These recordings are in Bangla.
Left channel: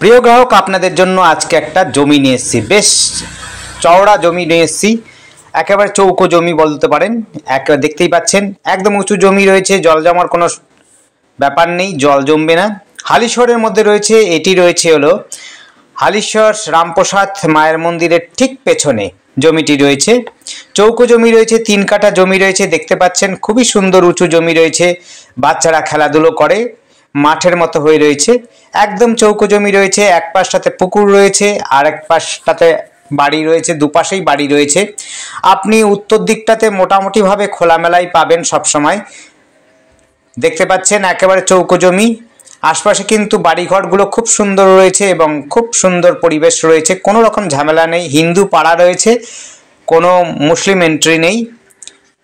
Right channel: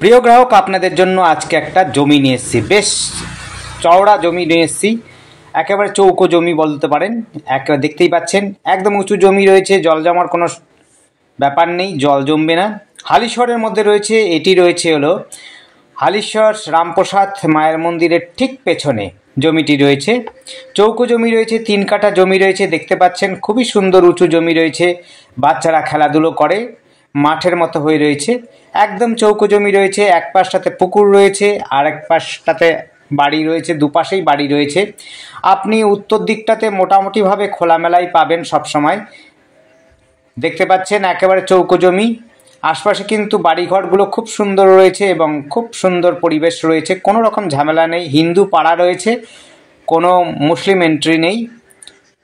প্রিয় গ্রাহক, আপনাদের জন্য আজকে একটা জমি নিয়ে এসেছি। বেশ চওড়া জমি নিয়ে এসেছি, একেবারে চৌকো জমি বলতে পারেন। দেখতেই পাচ্ছেন একদম উঁচু জমি রয়েছে, জল জমার কোনো ব্যাপার নেই, জল জমবে না। হালিশহরের মধ্যে রয়েছে, এটি রয়েছে হলো হালিশহর রামপ্রসাদ মায়ের মন্দিরের ঠিক পেছনে জমিটি রয়েছে। চৌকো জমি রয়েছে, 3 কাঠা জমি রয়েছে, দেখতে পাচ্ছেন খুবই সুন্দর উঁচু জমি রয়েছে। বাচ্চারা খেলাধুলো করে, মাঠের মতো হয়ে রয়েছে। একদম চৌকো জমি রয়েছে, এক পাশটাতে পুকুর রয়েছে আর এক পাশটাতে বাড়ি রয়েছে, দুপাশেই বাড়ি রয়েছে। আপনি উত্তর দিকটাতে মোটামুটিভাবে খোলামেলাই পাবেন সব সময়। দেখতে পাচ্ছেন একেবারে চৌকো জমি, আশপাশে কিন্তু বাড়িঘরগুলো খুব সুন্দর রয়েছে এবং খুব সুন্দর পরিবেশ রয়েছে, কোনো রকম ঝামেলা নেই। হিন্দু পাড়া রয়েছে, কোনো মুসলিম এন্ট্রি নেই।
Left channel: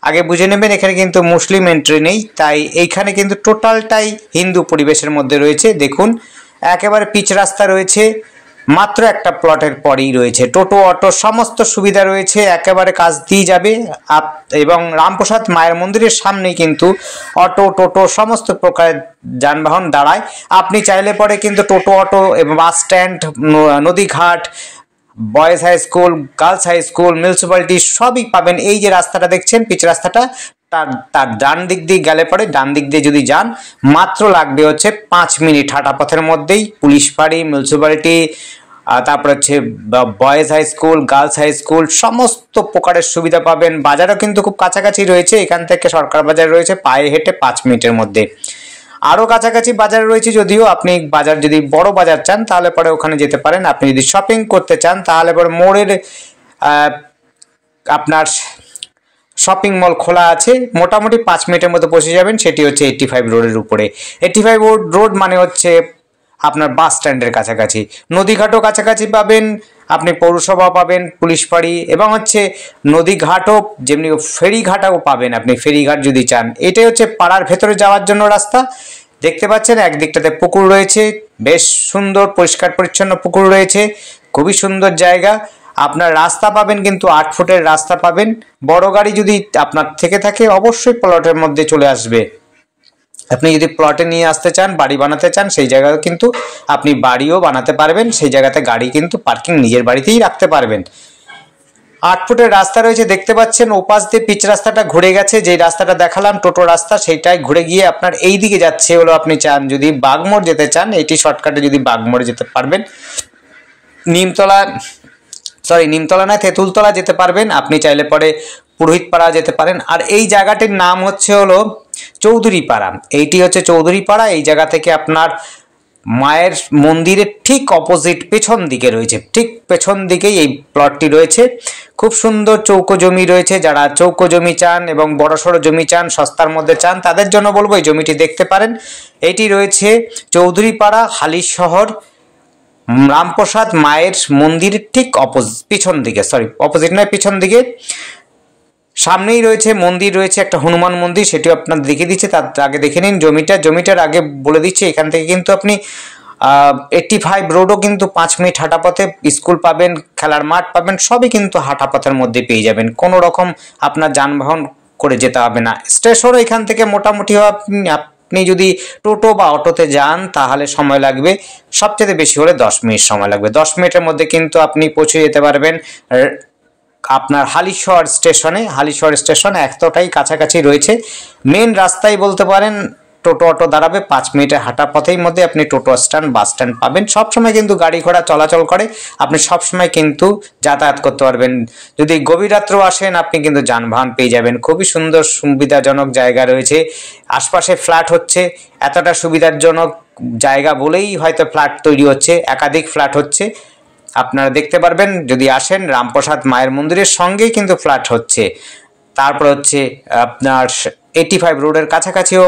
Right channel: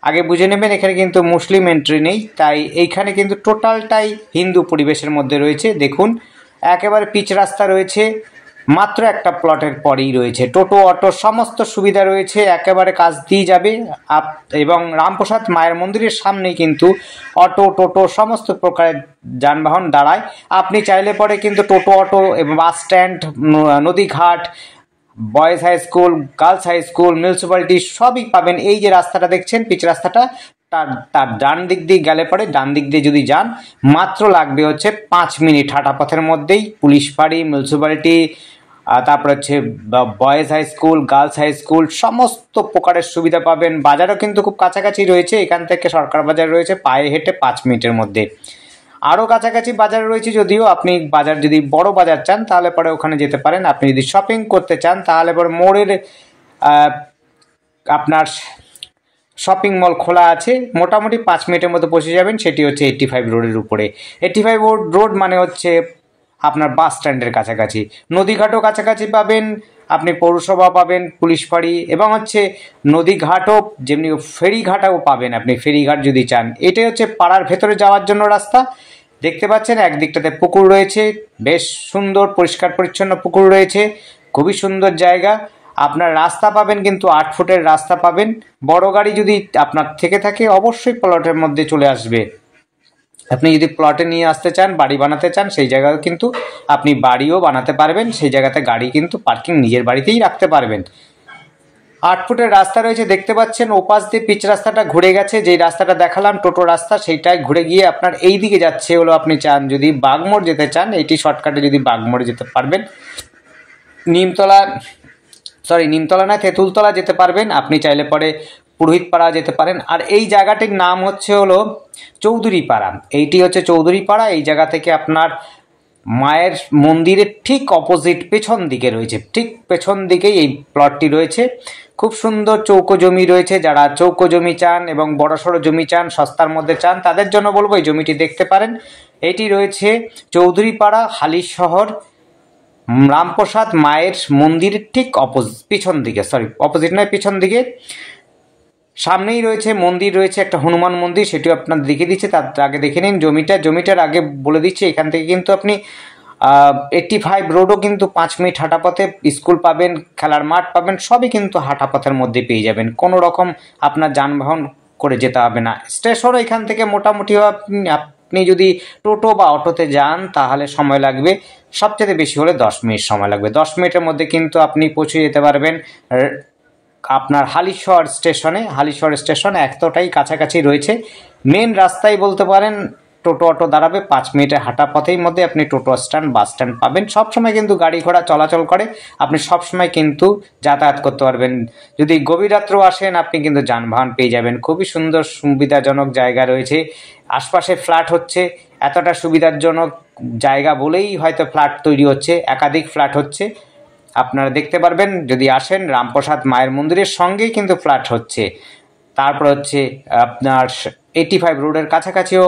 আগে বুঝে নেবেন এখানে কিন্তু মুসলিম এন্ট্রি নেই, তাই এইখানে কিন্তু টোটালটাই হিন্দু পরিবেশের মধ্যে রয়েছে। দেখুন একেবারে পিচ রাস্তা রয়েছে, মাত্র একটা প্লটের পরেই রয়েছে টোটো অটো সমস্ত সুবিধা রয়েছে, একেবারে কাজ দিয়ে যাবে। এবং রামপ্রসাদ মায়ের মন্দিরের সামনেই কিন্তু অটো টোটো সমস্ত প্রকারের যানবাহন দাঁড়ায়। আপনি চাইলে পরে কিন্তু টোটো অটো এবং বাস স্ট্যান্ড, নদীঘাট, boys high school, girls high school, municipality সবই পাবেন। এই যে রাস্তাটা দেখছেন পিচ রাস্তাটা, তার ডান দিক দিয়ে গেলে পরে, ডান দিক দিয়ে যদি যান মাত্র লাগবে হচ্ছে 5 মিনিট হাঁটা পথের মধ্যেই পুলিশ ফাঁড়ি, মিউনিসিপ্যালিটি, তারপর হচ্ছে boys high school, girls high school সমস্ত প্রকারের সুবিধা পাবেন। বাজারও কিন্তু খুব কাছাকাছি রয়েছে, এখান থেকে সরকার বাজার রয়েছে পায়ে হেঁটে 5 মিনিটের মধ্যে। আরও কাছাকাছি বাজার রয়েছে, যদিও আপনি বাজার যদি বড় বাজার চান তাহলে পরে ওখানে যেতে পারেন। আপনি যদি শপিং করতে চান তাহলে পরে মোড়ের আপনার শপিং মল খোলা আছে, মোটামুটি 5 মিনিটের মধ্যে পৌঁছে যাবেন। সেটি হচ্ছে 85 রোডের উপরে। 85 রোড মানে হচ্ছে আপনার বাস স্ট্যান্ডের কাছাকাছি। নদীঘাটও কাছাকাছি পাবেন, আপনি পৌরসভা পাবেন, পুলিশ ফাঁড়ি এবং হচ্ছে নদীঘাটও, যেমনি ফেরিঘাটও পাবেন আপনি, ফেরিঘাট যদি চান। এটাই হচ্ছে পাড়ার ভেতরে যাওয়ার জন্য রাস্তা। দেখতে পাচ্ছেন একদিকটাতে পুকুর রয়েছে, বেশ সুন্দর পরিষ্কার পরিচ্ছন্ন পুকুর রয়েছে, খুবই সুন্দর জায়গা। আপনার রাস্তা পাবেন কিন্তু 8 ফুটের রাস্তা পাবেন। বড় গাড়ি যদি আপনার থেকে থাকে অবশ্যই প্লটের মধ্যে চলে আসবে। আপনি যদি প্লটে নিয়ে আসতে চান, বাড়ি বানাতে চান, সেই জায়গায় কিন্তু আপনি বাড়িও বানাতে পারবেন, সেই জায়গাতে গাড়ি কিন্তু পার্কিং নিজের বাড়িতেই রাখতে পারবেন। 8 ফুটের রাস্তা রয়েছে, দেখতে পাচ্ছেন ওপাশ দিয়ে পিচ রাস্তাটা ঘুরে গেছে। যেই রাস্তাটা দেখালাম টোটো রাস্তা, সেইটাই ঘুরে গিয়ে আপনার এই দিকে যাচ্ছে হলো, আপনি চান যদি বাগমোড় যেতে চান, এটি শর্টকাটে যদি বাগমোড়ে যেতে পারবেন। নিমতলা না, তেঁতুলতলা যেতে পারবেন। আপনি চাইলে পরে পুরোহিতপাড়া যেতে পারেন। আর এই জায়গাটির নাম হচ্ছে হলো চৌধুরীপাড়া। এইটি হচ্ছে চৌধুরীপাড়া। এই জায়গা থেকে আপনার মায়ের মন্দিরের ঠিক অপোজিট পেছন দিকে রয়েছে, ঠিক পেছন দিকেই এই প্লটটি রয়েছে। খুব সুন্দর চৌকো জমি রয়েছে। যারা চৌকো জমি চান এবং বড়সড় জমি চান, সস্তার মধ্যে চান, তাদের জন্য বলবো এই জমিটি দেখতে পারেন। এটি রয়েছে চৌধুরীপাড়া, হালিশহর রামপ্রসাদ মায়ের মন্দিরের ঠিক পিছন দিকে, অপোজিট নয়, পিছন দিকে। সামনেই রয়েছে মন্দির, রয়েছে একটা হনুমান মন্দির, সেটিও আপনার দেখে দিচ্ছে। তার আগে দেখে নিন জমিটার আগে বলে দিচ্ছি, এখান থেকে কিন্তু আপনি 85 রোডও কিন্তু 5 মিনিট হাঁটা পথে, স্কুল পাবেন, খেলার মাঠ পাবেন, সবই কিন্তু হাঁটা পথের মধ্যে পেয়ে যাবেন। কোনো রকম আপনার যানবাহন করে যেতে হবে না। স্টেশনও এখান থেকে মোটামুটি আপনি যদি টোটো বা অটোতে যান তাহলে সময় লাগবে সবচেয়ে বেশি হলে 10 মিনিট সময় লাগবে। 10 মিনিটের মধ্যে কিন্তু আপনি পৌঁছে যেতে পারবেন আপনার হালিশহর স্টেশনে। হালিশহর স্টেশন এতটাই কাছাকাছি রয়েছে, মেন রাস্তায় বলতে পারেন। টোটো অটো দাঁড়াবে 5 মিনিটের হাঁটা পথের মধ্যে, আপনি টোটো স্ট্যান্ড, বাস স্ট্যান্ড পাবেন। সবসময় কিন্তু গাড়ি ঘোড়া চলাচল করে, আপনি সবসময় কিন্তু যাতায়াত করতে পারবেন। যদি গভীর রাত্রেও আসেন আপনি কিন্তু যানবাহন পেয়ে যাবেন। খুবই সুন্দর সুবিধাজনক জায়গা রয়েছে। আশপাশে ফ্ল্যাট হচ্ছে, এতটা সুবিধাজনক জায়গা বলেই হয়তো ফ্ল্যাট তৈরি হচ্ছে, একাধিক ফ্ল্যাট হচ্ছে। আপনারা দেখতে পারবেন যদি আসেন, রামপ্রসাদ মায়ের মন্দিরের সঙ্গেই কিন্তু ফ্ল্যাট হচ্ছে। তারপর হচ্ছে আপনার 85 রোডের কাছাকাছিও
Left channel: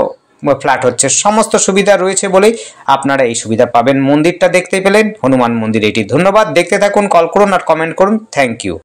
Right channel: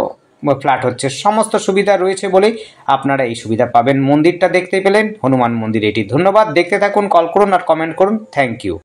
ফ্ল্যাট হচ্ছে। সমস্ত সুবিধা রয়েছে বলেই আপনারা এই সুবিধা পাবেন। মন্দিরটা দেখতে পেলেন, হনুমান মন্দির এটি। ধন্যবাদ, দেখতে থাকুন, কল করুন আর কমেন্ট করুন। Thank you.